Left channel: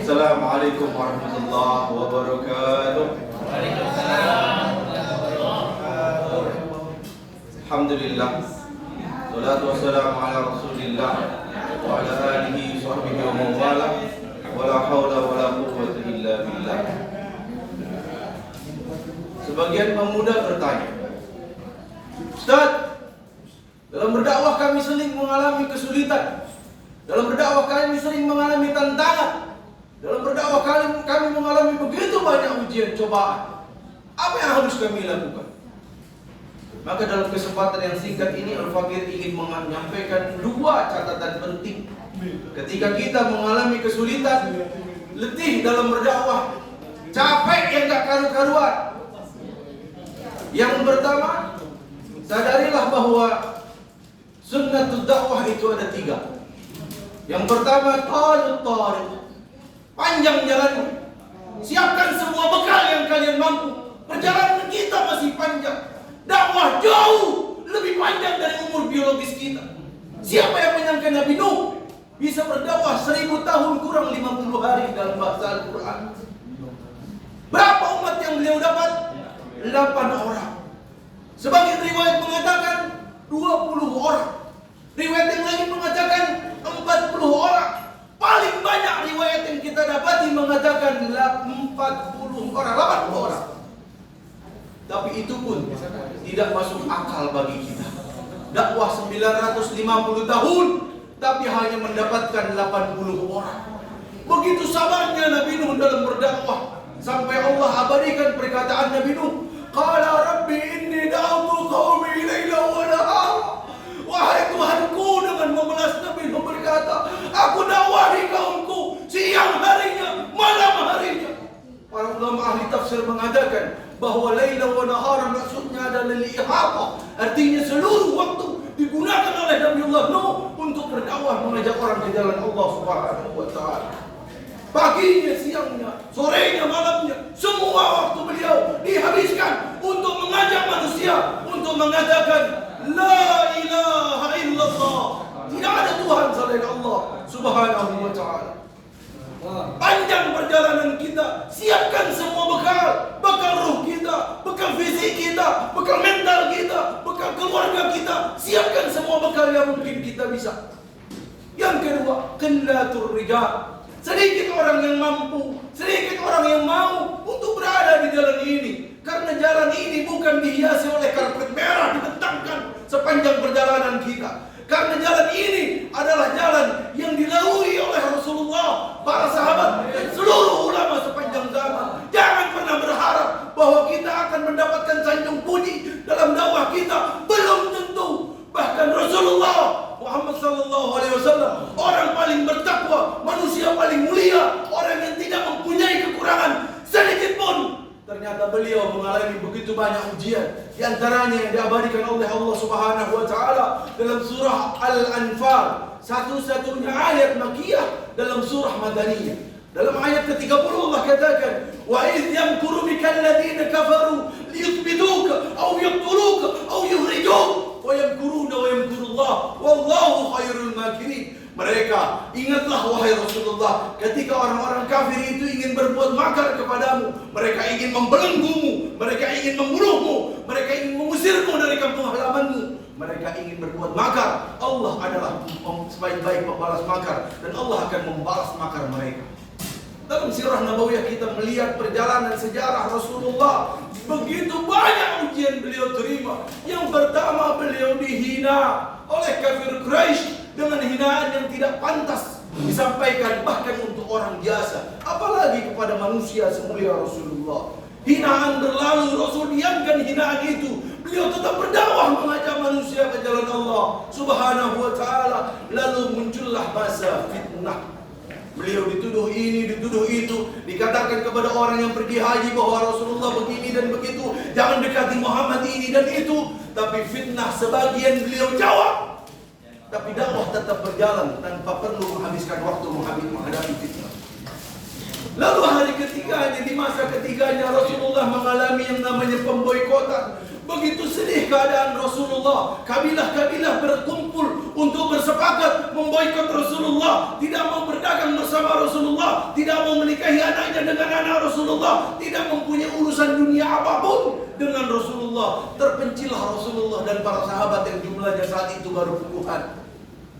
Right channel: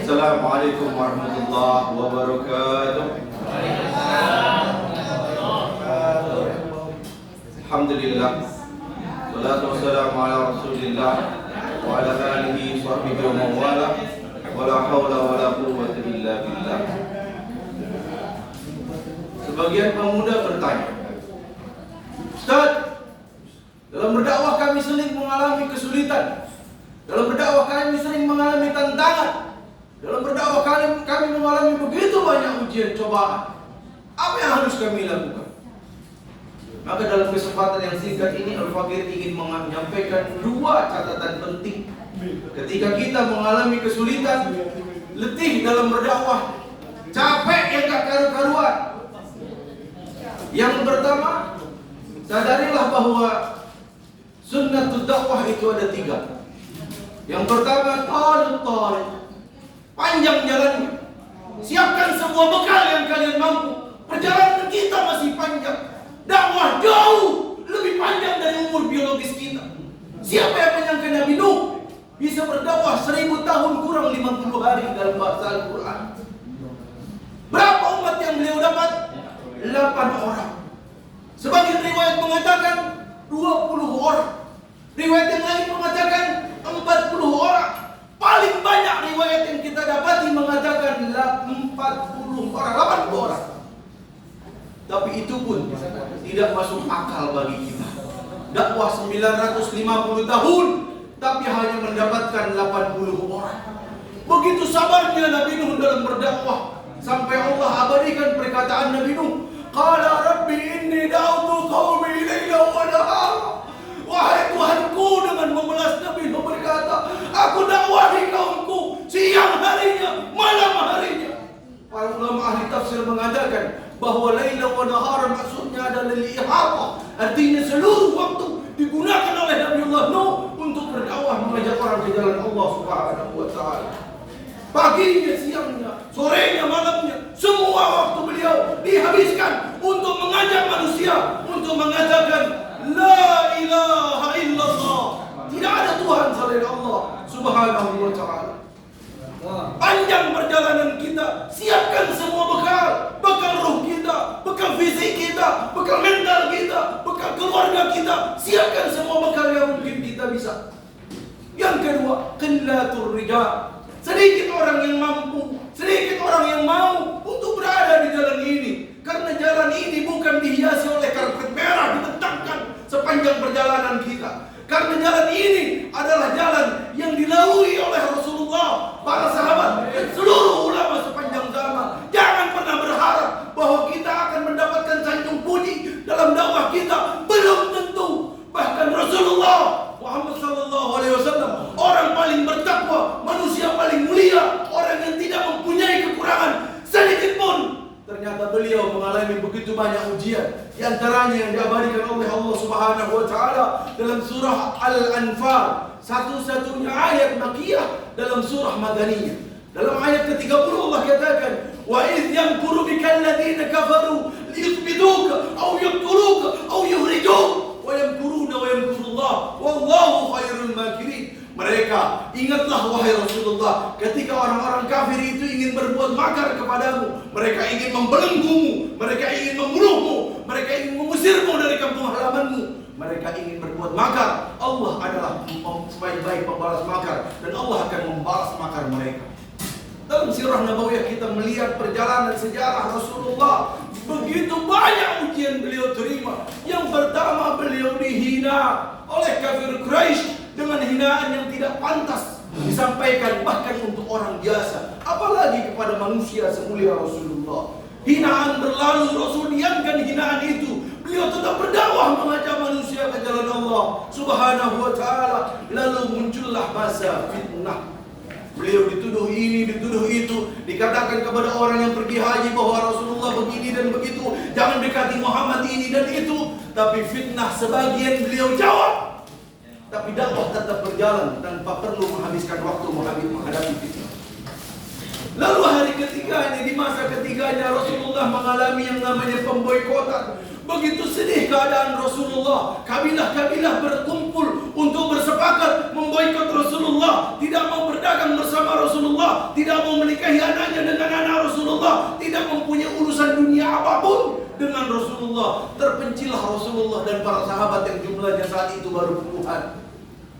Assalamualaikum warahmatullahi wabarakatuh. Alhamdulillah. Salatu wassalamu ala Rasulillah wa ala alihi sahbihi wa mawala. Wa la hawla wa la quwwata illa billah. Sebagian pemuda bertanya, Ustaz, dalam berdakwah kami sering mengalami kesulitan. Dalam berdakwah kami sering mengalami tantangan. Dalam berdakwah kami mengalami begitu banyak ujian cobaan. Apa yang harus kami lakukan? Maka dalam kesempatan yang singkat ini Al-Fakir ingin menyampaikan dua catatan penting. Ketika kita mengalami kesulitan, letih dalam berdakwah, capek yang gak karu-karuan. Yang pertama, sadarilah bahwa sunnatul dakwah itu ada tiga. Yang pertama, tarik, panjang jalannya. Siapkan semua bekal yang kalian mampu. Perjalanan kita masih panjang. Dakwah jauh lebih panjang dari umur biologis kita. Siapa yang menyangka Nabi Nuh bisa berdakwah 1000 tahun kurang 50 hari dalam bahasa Al-Quran? Berapa umat yang beliau dapat? 8 orang. Sebagian riwayat mengatakan 20 orang. Riwayat yang lain mengatakan 40 orang. Paling banyak riwayat yang kita dapati mengatakan 40 orang, 80 orang. Tapi itu pun tidak masuk akal bagi kita. Dakwah 950 tahun, tapi hanya mendapatkan 80 orang. Begitu sabarnya Nabi Nuh dalam berdakwah, sampai Allah abadikan perkataan Nabi Nuh, Qala Rabbi inni da'utu qawmi layla wa nahara. Wahai Tuhanku, dengan memelas Nabi Nuh berkata, aku dakwahi kaumku siang harinya, malam harinya. Para ulama ahli tafsir mengatakan bahwa layla wa nahara maksudnya adalah li'ihata, artinya seluruh waktu digunakan oleh Nabiullah Nuh untuk berdakwah, mengajak orang ke jalan Allah Subhanahu wa taala. Paginya, siangnya, sorenya, malamnya, semua waktu beliau dihabiskan untuk mengajak manusia untuk mengatakan la ilaha illallah, tidak ada Tuhan selain Allah Subhanahu wa taala. Panjang perjalanan kita, siapkan semua bekal ruh kita, bekal fisik kita, bekal mental kita, bekal keluarga kita. Siapkan semua bekal yang mungkin kita bisa. Yang kedua, qillatur rijal. Sedikit orang yang mampu, sedikit orang yang mau untuk berada di jalan ini. Karena jalan ini bukan dihiasi oleh karpet merah dibentangkan sepanjang perjalanan kita. Karena jalan ini adalah jalan yang dilalui oleh Rasulullah, para sahabat, dan seluruh ulama sepanjang zaman. Jangan pernah berharap bahwa kita akan mendapatkan sanjung puji dalam dakwah kita. Belum tentu. Bahkan Rasulullah Muhammad SAW, orang paling bertakwa, manusia paling mulia, orang yang tidak mempunyai kekurangan sedikit pun. Ternyata beliau mengalami begitu banyak ujian. Di antaranya yang diabadikan oleh Allah Subhanahu wa taala dalam surah Al-Anfal, satu-satunya ayat Makkiyah dalam surah Madaniyah. Dalam ayat ke-30 Allah katakan, "Wa idh yamkuru bikal ladzina kafaru liyuthbituka aw yaqtuluka aw yukhrijuka wa yamkuruna wa yamkurullah wallahu khairul makirin." Mereka, ingatlah wahai Rasulullah, ketika orang-orang kafir itu ingin berbuat makar kepadamu, mereka ingin membelenggumu, mereka ingin membunuhmu, mereka ingin mengusirmu dari kampung halamanmu, mereka ingin berbuat makar. Allah adalah sebaik-baik pembalas makar, dan Allah akan membalas makar mereka. Dalam sirah Nabawiyah kita melihat perjalanan sejarah Rasulullah. Begitu banyak ujian beliau terima. Yang pertama, beliau dihina oleh kafir Quraisy dengan hinaan yang tidak pantas disampaikan bahkan untuk orang biasa, apalagi kepada manusia semulia Rasulullah. Hinaan berlalu, Rasul diamkan hinaan itu. Beliau tetap berdakwah mengajak manusia ke jalan Allah Subhanahu wa taala. Lalu muncullah masa fitnah. Beliau dituduh ini, dituduh itu, dikatakan kepada orang yang pergi haji bahwa Rasulullah begini dan begitu, jangan dekati Muhammad ini dan itu. Tapi fitnah sebagian beliau jawab, tapi dakwah tetap berjalan tanpa perlu menghabiskan waktu menghadapi fitnah. Lalu hari ketiganya, di masa ketiganya Rasulullah mengalami yang namanya pemboikotan. Begitu sedih keadaan Rasulullah, kabilah-kabilah berkumpul untuk bersepakat memboikot Rasulullah, tidak mau berdagang bersama Rasulullah, tidak mau menikahi anaknya dengan anak Rasulullah, tidak mempunyai urusan dunia apapun dengan Rasulullah. Terpencillah Rasulullah dan para sahabat yang jumlahnya saat itu baru puluhan.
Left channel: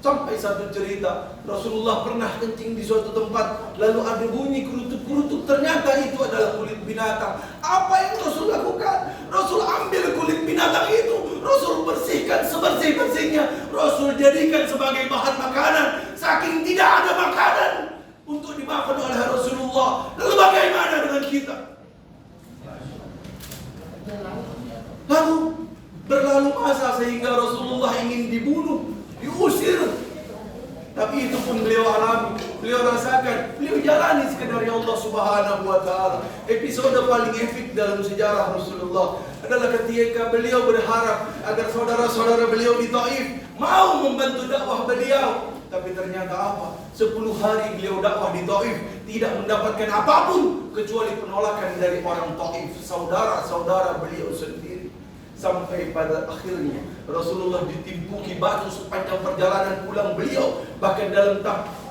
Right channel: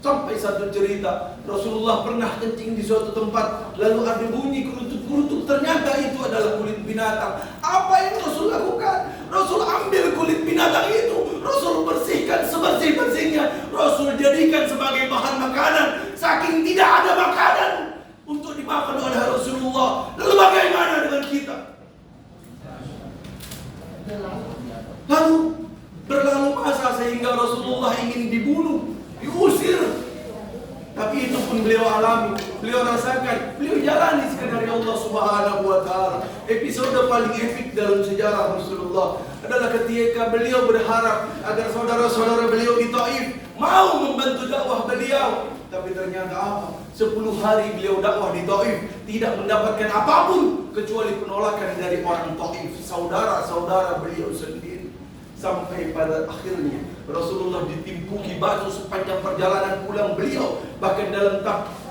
Sampai satu cerita, Rasulullah pernah kencing di suatu tempat, lalu ada bunyi kerutuk-kerutuk, ternyata itu adalah kulit binatang. Apa yang Rasul lakukan? Rasul ambil kulit binatang itu, Rasul bersihkan sebersih-bersihnya, Rasul jadikan sebagai bahan makanan, saking tidak ada makanan untuk dimakan oleh Rasulullah. Lalu bagaimana dengan kita? Lalu berlalu masa sehingga Rasulullah ingin dibunuh, diusir. Tapi itu pun beliau alami, beliau rasakan, beliau jalani skenario Allah Subhanahu wa taala. Episode paling epik dalam sejarah Rasulullah adalah ketika beliau berharap agar saudara-saudara beliau di Taif mau membantu dakwah beliau. Tapi ternyata apa? 10 hari beliau dakwah di Taif, tidak mendapatkan apapun kecuali penolakan dari orang Taif, saudara-saudara beliau sendiri. Sampai pada akhirnya Rasulullah ditimpuki batu sepanjang perjalanan pulang beliau. Bahkan dalam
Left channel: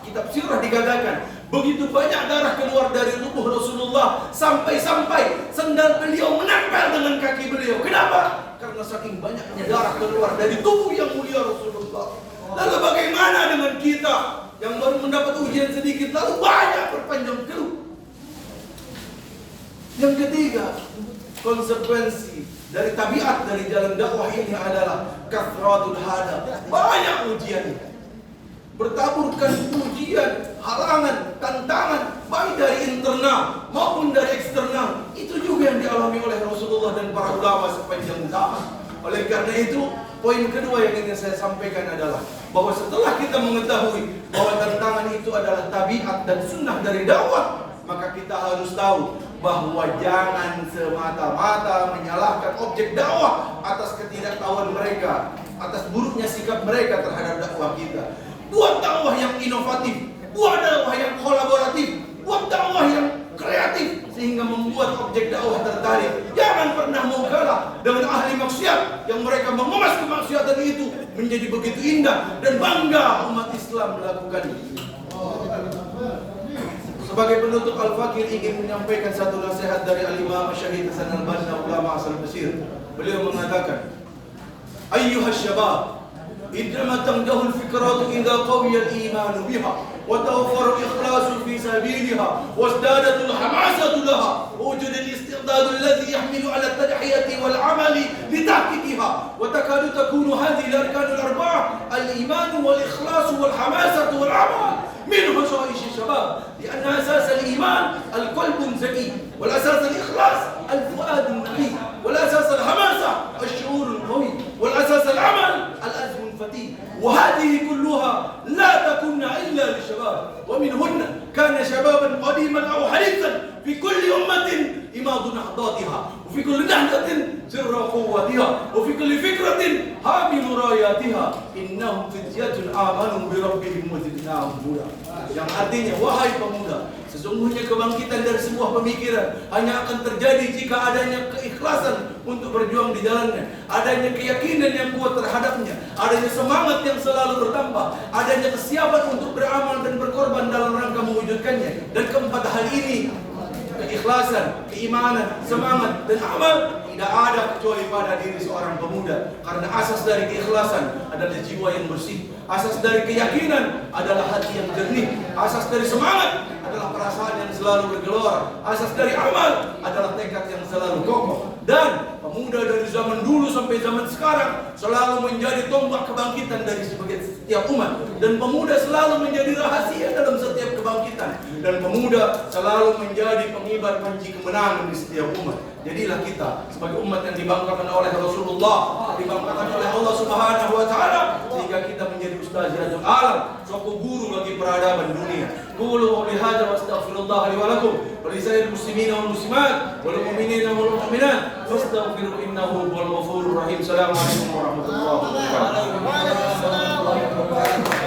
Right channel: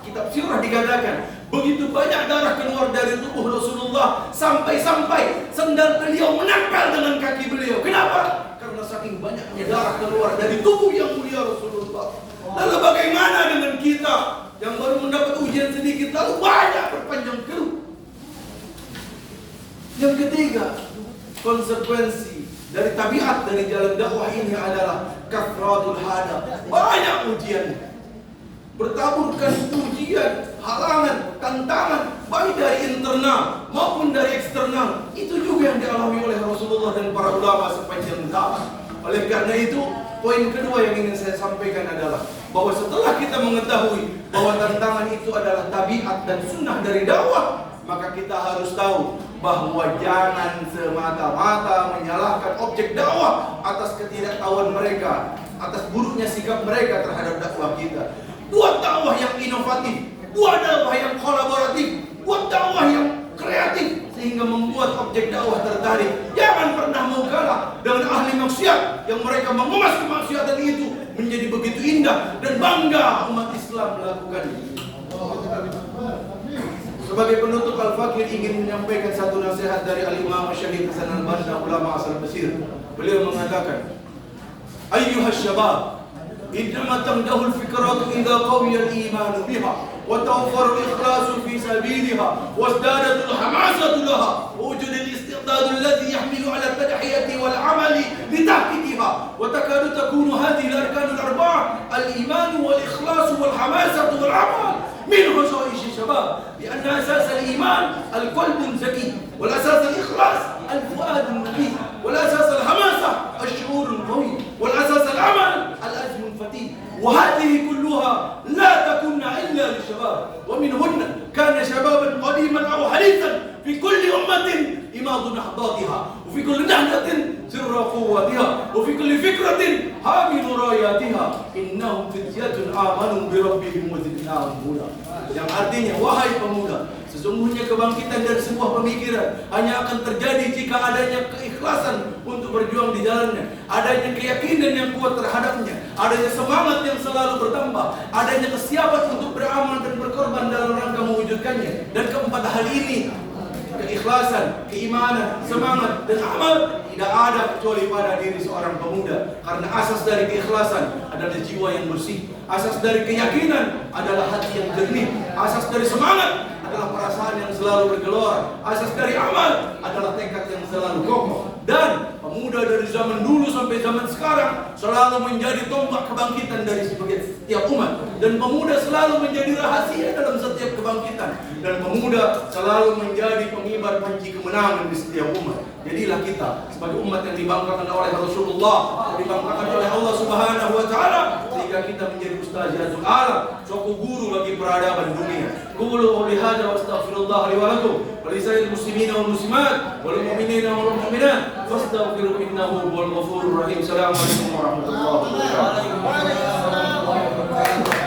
kitab sirah dikatakan begitu banyak darah keluar dari tubuh Rasulullah, sampai-sampai sendal beliau menempel dengan kaki beliau. Kenapa? Karena saking banyaknya darah keluar dari tubuh yang mulia Rasulullah. Lalu bagaimana dengan kita yang baru mendapat ujian sedikit lalu banyak berpanjang keluh? Yang ketiga, konsekuensi dari tabiat dari jalan dakwah ini adalah kathratul hada. Banyak ujian, bertaburkan ujian, halangan, tantangan, baik dari internal maupun dari eksternal. Itu juga yang dialami oleh Rasulullah dan para ulama sepanjang zaman. Oleh karena itu, poin kedua yang ingin saya sampaikan adalah bahwa setelah kita mengetahui bahwa tantangan itu adalah tabiat dan sunnah dari dakwah, maka kita harus tahu bahwa jangan semata-mata menyalahkan objek dakwah atas ketidaktahuan mereka, atas buruknya sikap mereka terhadap dakwah kita. Buat dakwah yang inovatif, buat dakwah yang kolaboratif, buat dakwah yang kreatif sehingga membuat objek dakwah tertarik. Jangan pernah mau kalah dengan ahli maksiat yang mereka mengemas kemaksiatan itu menjadi begitu indah dan bangga umat Islam melakukannya. Sebagai penutup, Al-Fakir ingin menyampaikan satu nasihat dari Al-Imam Syahid Hasan Al-Banna, ulama asal Mesir. Beliau mengatakan, Ayyuhas syabab, idama tamdahul fikratu idha qawiyal imanu biha wa tawaffaru ikhlasu fi sabiliha wa izdadatul hamasatu laha wa wujudul istiqdadu alladhi yahmilu ala tadhiyati wal amali litahqiqiha wa takadu takunu hadhihi al-arkanul arba'ah al-imanu wal ikhlasu wal hamasatu wal amal من خصائص الشباب لأن أساس الإيمان القلب الزكي والأساس الإخلاص الفؤاد النقي والأساس الحماسة الشعور القوي والأساس العمل العزم الفتي وهذه كلها لا تكون إلا للشباب ومنهن كان شبابا قديما أو حديثا في كل أمة إماض نهضاتها وفي كل نهضة سر قوتها وفي كل فكرة حامل راياتها إنهم فتية آمنوا بربهم وزدناهم هدى. Yang artinya, wahai pemuda, sesungguhnya kebangkitan dari sebuah pemikiran hanya akan terjadi jika adanya keikhlasan untuk berjuang di jalannya, adanya keyakinan yang kuat terhadapnya, adanya semangat yang selalu bertambah, adanya kesiapan untuk beramal dan berkorban dalam rangka mewujudkannya. Dan keempat hal ini, keikhlasan, keimanan, semangat, dan amal, tidak ada kecuali pada diri seorang pemuda. Karena asas dari keikhlasan adalah jiwa yang bersih, asas dari keyakinan adalah hati yang jernih, asas dari semangat adalah perasaan yang selalu bergelora, asas dari amal adalah tekad yang selalu kokoh. Dan pemuda dari zaman dulu sampai zaman sekarang selalu menjadi tombak kebangkitan dari setiap umat. Dan pemuda selalu menjadi rahasia dalam setiap kebangkitan. Dan pemuda selalu menjadi pengibar panji kemenangan di setiap umat. Jadilah kita sebagai umat yang dibanggakan oleh Rasulullah, dibanggakan oleh Allah Subhanahu wa taala, sehingga kita menjadi ustazul alam, suatu guru bagi peradaban dunia. Qulu bihadza wa astaghfirullah li wa lakum wa li sairil muslimina wal muslimat wal mu'minina wal mu'minat fastaghfiru innahu huwal ghafurur rahim. Assalamualaikum warahmatullahi wabarakatuh.